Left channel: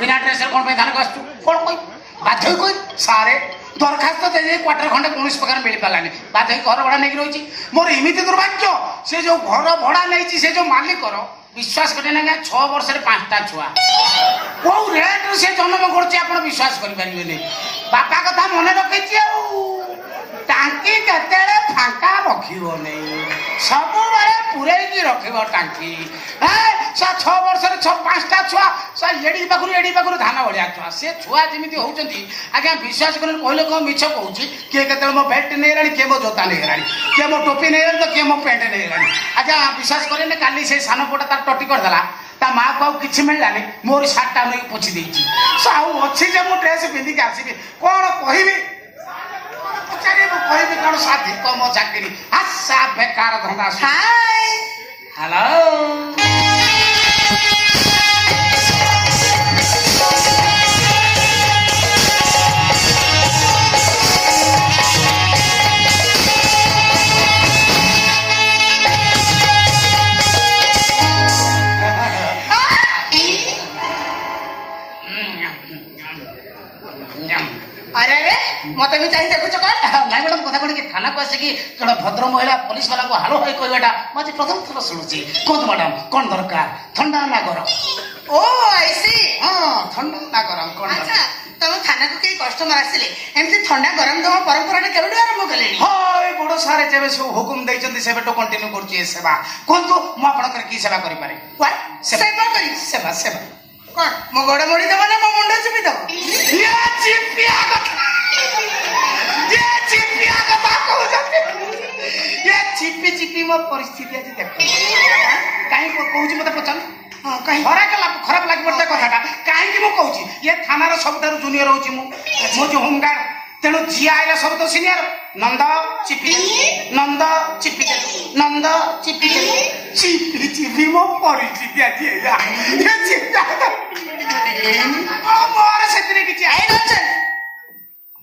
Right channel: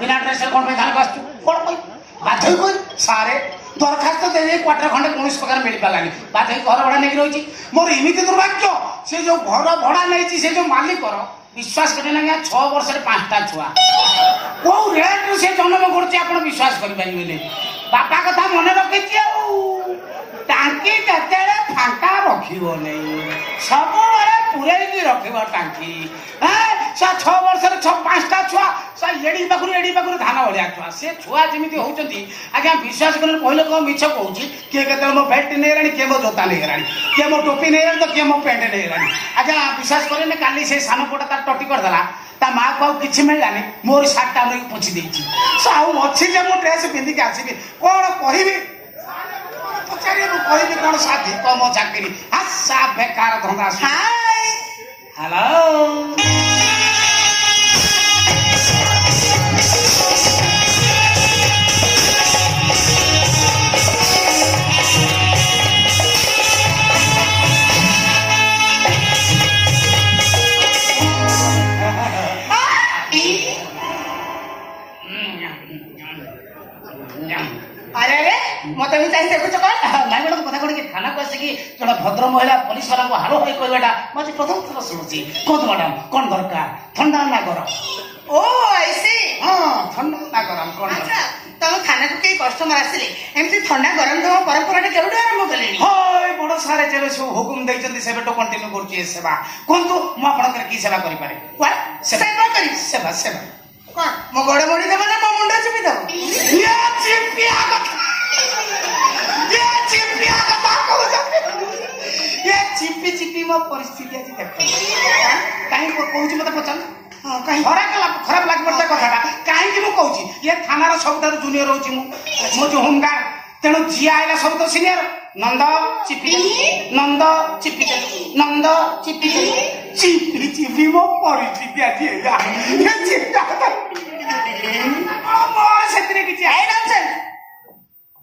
बिना ड्रेस कौन पे थाना आसु कौन कह बाध्य कह सारे दरखास्त दे क्वार्टर खंडे कौन प्रकार मिल पारानी बाध्य घर भड़ा नहीं रही मोर एमती दुर्भाग्य से जो घर भड़ा नहीं से जो मालिक विश्वास करें ना 6 वर्ष 5टा छुआ कौ रेट से जन्म कर विश्वास करें बापा कथा मन रखी टांकी केते फांका रखिबो नहीं सब बड़े पुरेई रखिब टांकी 6 वर्ष 5टा छुआ एड़ी पाखु धान भलिया छुआ से छुआ जमी होती आज्ञा विश्वास कर कहले कौन मिछ कहूँ किए के मो बेल्ट नहीं राणी किए मो जोता नहीं राणी किए मो टोपी नहीं राणी तो किए मो पेंट नहीं राणी आज्ञा विश्वास करें काली से सान पुटा तार टटी करदेला ता माँ को किसी मिललानी मोर सार्टा नहीं पोछि देछि अच्छी जे मो ड्रेस पिंधिक आसबि कौन कहबी पचारे कहबी कौन साथी कम चाकरी आशा बेकार धंदा हाय हेलो अरे अरे मत भी चाहिए देखुच कौन नाई मैडम कथा कौन कि थाना को आसिकी जन भद्र महिला पुलिस वाला को हालो हाई कहवाटा मुझे प्रथम थर शुणुची कौन मैडम कौन दरकार ठंडा ना गरम ओ ऐसी हाँ ठंडा ना गरम कौन अच्छा तुम थाना को कई कस्टमर आसिले एमती ठंडा गरम दवा परंपरा केबे आरंभ कले हाय बड़ सारे जेबे सब हुकुम दैचंती सेबे तो कंटिन्यू करची सेवा कोन तो मो आपण कर की सेवा करि पारे व्हाट सेवा करी सेवा सेवा कौन मो गोड़ मोड़ी देबो ना मो मुंडा चिपी देबो ये चिपिया ये चिपी चिपी मो परिस्थिति आज देखो कहीं कहूँ मत पचार हाँ कहीं खराब लगे पड़ता कथा कहीं मु कहूँ ये थानार सबुठ जूनियर हो जो होमगार्ड तेणु झी आईला सब तो सीनियर नंद चिपी नंद चिपी नंद चिपी चिपी चिपी मो परिस्थिति आज से किसी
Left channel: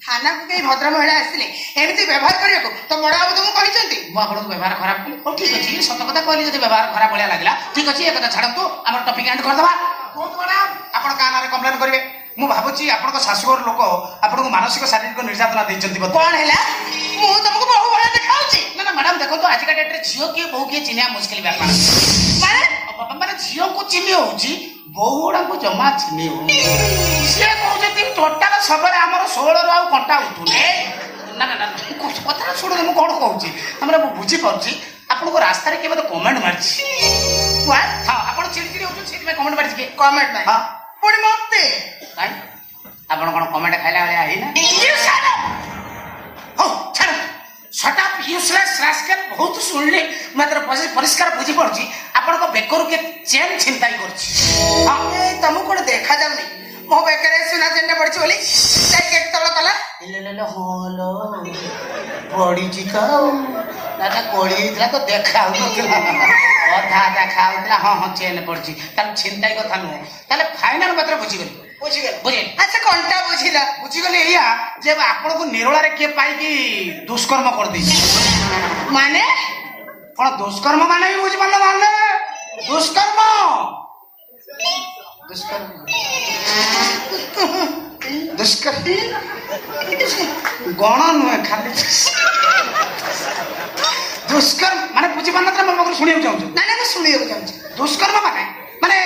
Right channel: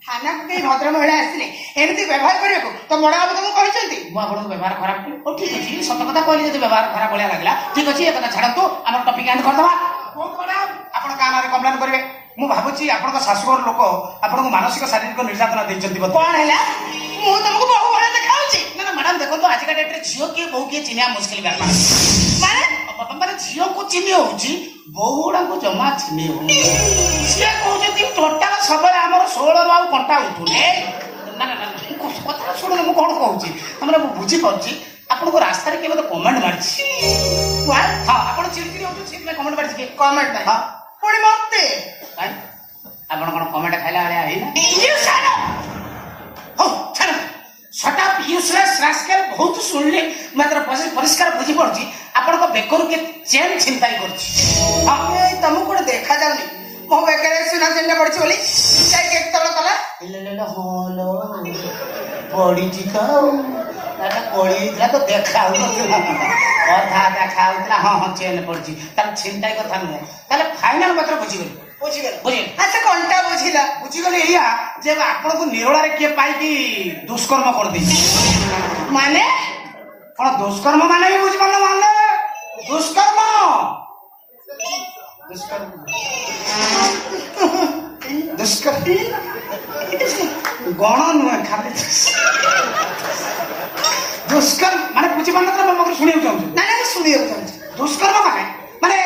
थाना को कई भद्र महिला आसिले एमती व्यवहार करिया को तो बड़ा बाबू तुमको कहिसंती मु आपन व्यवहार खराब कली ओ ठीक अछि सत कथा कहली जदि व्यवहार खराब भलिया लागला ठीक अछि एक कथा छाडंतु हमर टॉपिक एंड कर दबा बहुत बड़ा आपन का नारे कंप्लेन करिवे मु भाबुची आपन को सासुर लोक आपन को मानसिक शारीरिक निर्यातना दैचंती कोन हैला मु तुमको बहु बड़ा देखाउची ना ना मैडम देखो तो आज का डेट रे झियो के बहु के चिन्या मुश्किल व्यापार माने झियो को चिन्ह होउची बहुड़ा को जमा चिन्ह हो से कहउछती टोटा सबले हमर 16 रु आउ कंटा उठुने ना ना ना कथा छोड़ मु कोन कहउची हमरा मु बुझी परची आपन को रास्ता रे के मते कमेंट मारची व्हाट हां आपन चिड़चिड़ी होछु से में कमेंट मारची के कमेंट भाई हां पुणी मते काई आपन कोन कमेंट खाइला वाला है ना यू शट अप हो छड़ शट अप यूजलेस रास्कल बहुत सुनले मात्र परिष्कार बुझी पड़ची आपन को बेकर के चेन छिनताई करची हां तुमको कोन देखा जाउनी मो बेकरे सुना जन्ने पड़ची बोली जाई के तबला कला ले ले ले होलो बड़ी चिकाऊ दादा कोड़ी इतला तो देखाउ अधा देखाउतला हां हां चेन पड़ची तार छिनताई कथा न ताले फाइनल मात्र बुझी गली अच्छा कोनटा बुझिला बुझी गली एया जे आपन को निरोला रे के पाई की दुष्कर्म कर देछि माने कोन दुष्कर्म माने भी बुझ पाला माने दुष्कर्म दुष्कर्म दुष्कर्म गण नुहे खाली दुष्कर्म माने बुझी पाना त म सुनियो चाहूँ ना ना सुनियो चाहूँ दुष्कर्म माने माने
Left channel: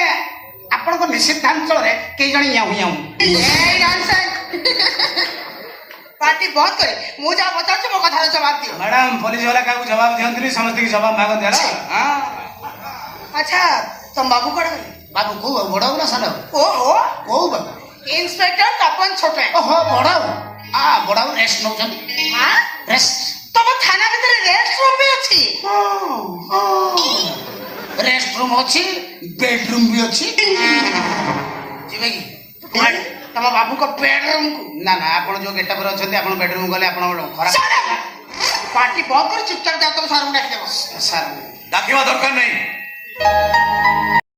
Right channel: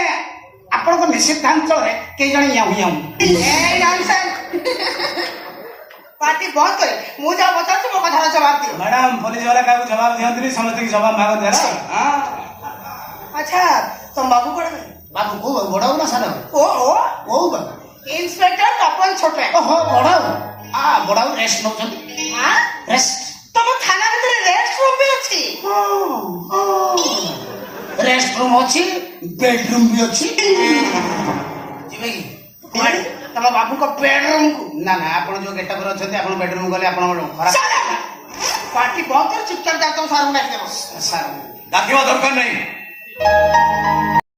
आपण को निषिद्धांचल रे कई जण याऊ याऊ ए नॉनसेंस पार्टी बहुत करे मु जा बता मो कथा जवाब दियो मैडम पुलिस वाला का जवाब दियंतनी समझते की जवाब मांगो देला हां अच्छा तुम बाबू कोड बाबू को बड़ाऊ ना सानो ओहो को बाबू इंस्पेक्टर तपन छोटे ओहो बड़ाऊ बड़ाऊ रेस्ट नौ हां रेस्ट तुम थाना भीतर रेस्ट रूम भी अछि रेस्ट रूम अच्छी बेडरूम भी अच्छी जी तुम बाबू को बेडरूम को ना ना आपण जो गेटअप रे अछंती आपण बेडरूम गले आपण खराब पार्टी बहुत कर चुपचाप जा तुम सारू डाक देबो सर डाकिवा दरकार नहीं